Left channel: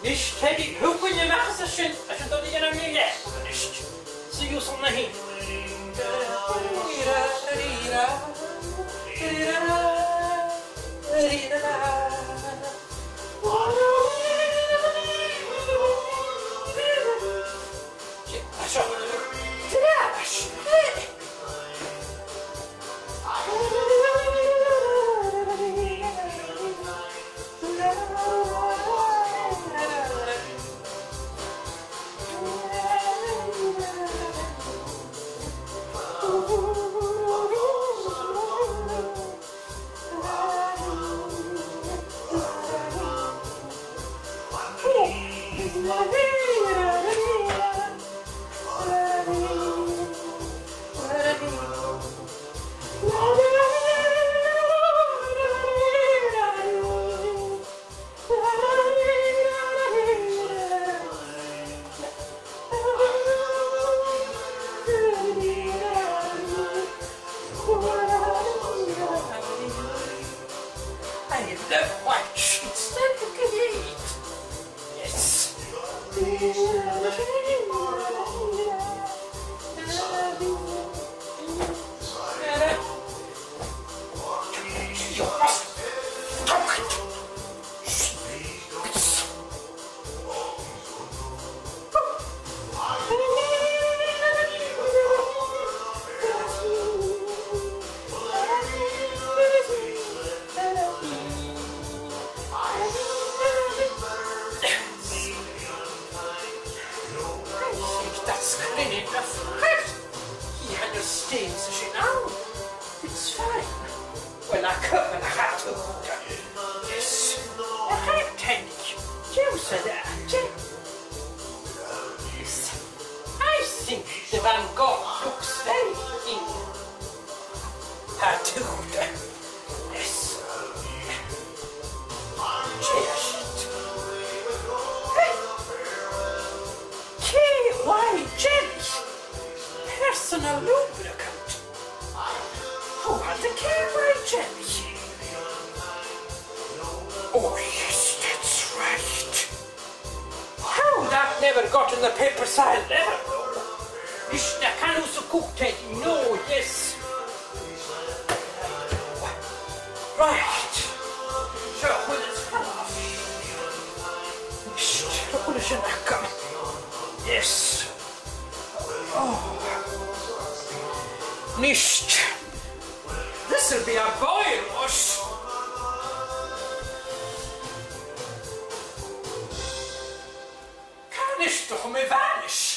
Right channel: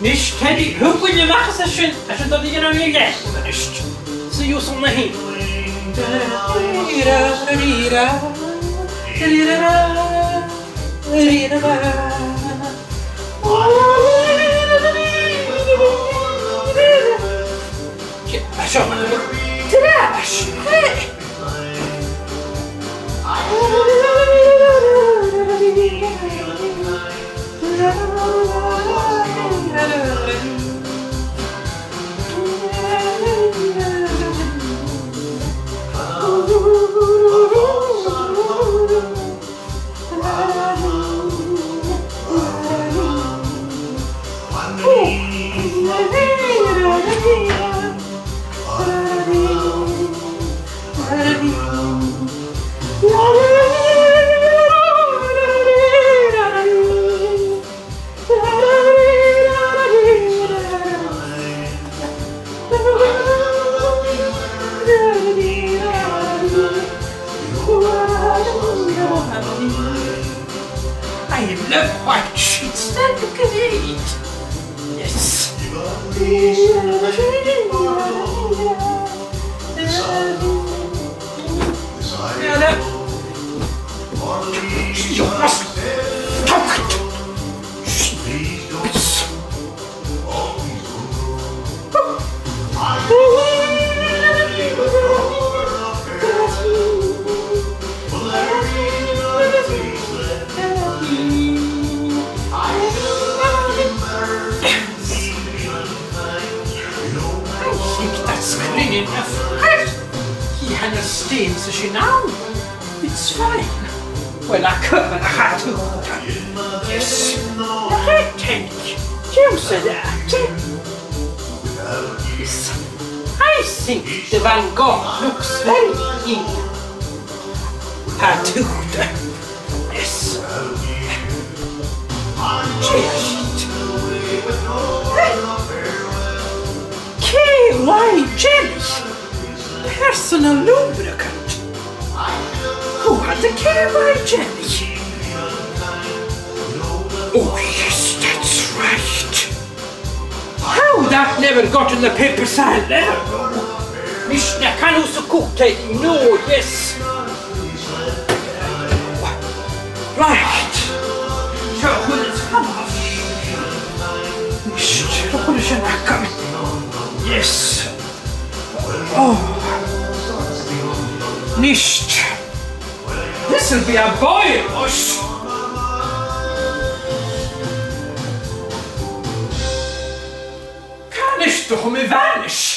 Nicht Teddy, hör mal, wir machen es schön. Das ist doch nicht genau wie jetzt, oder nicht? Sie ist so nach hinten. Schau mal. I love white sheets. That's great. Yes. You must talk it. He understands the now. It's fine. Well, I could, but I had to. Yes. I take. You said that. Yes. I think the Van Gogh looks very young. Had to. Yes. Cheers. KY jelly. Personal lubricant. Who had the KY jelly? Oh yes, that's right. How that never got in the papers, I'll never know. Mishna kan also cook Teddy. No, yes. Right. So, who is fun of? Yes. Oh. Nicht. This'll be a boy, Bush. Kann ich doch mir vanish.